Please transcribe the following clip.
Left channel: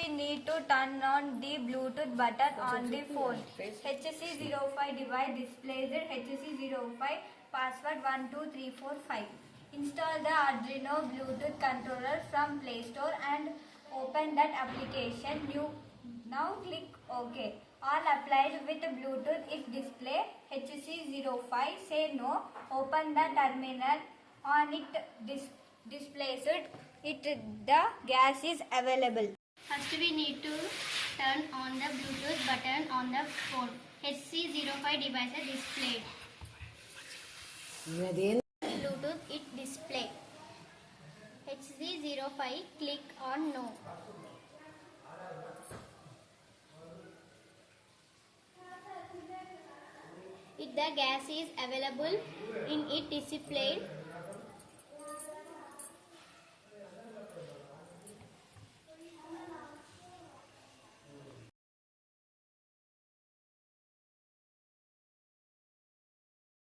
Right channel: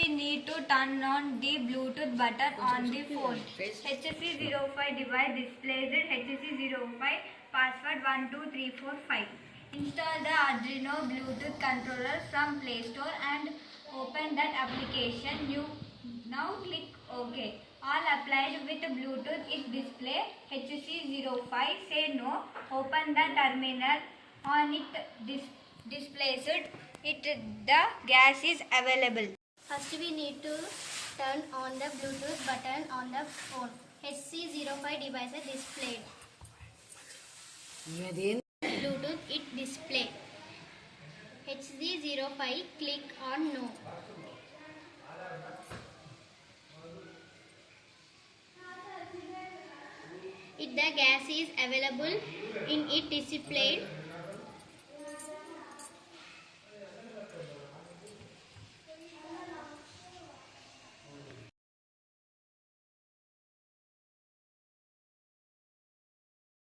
we need to turn on the Bluetooth button on the phone. HC05 device displays HC05 password 12345. Install the Arduino Bluetooth controller from Play Store and open that application. Now click OK. All applied with Bluetooth is display HC05. Say no. Open the terminal. On it displays the gas is available. First we need to turn on the Bluetooth button on the phone. HC05 device is displayed. Bluetooth it display. HC05 click on no. If the gas is available in it displayed,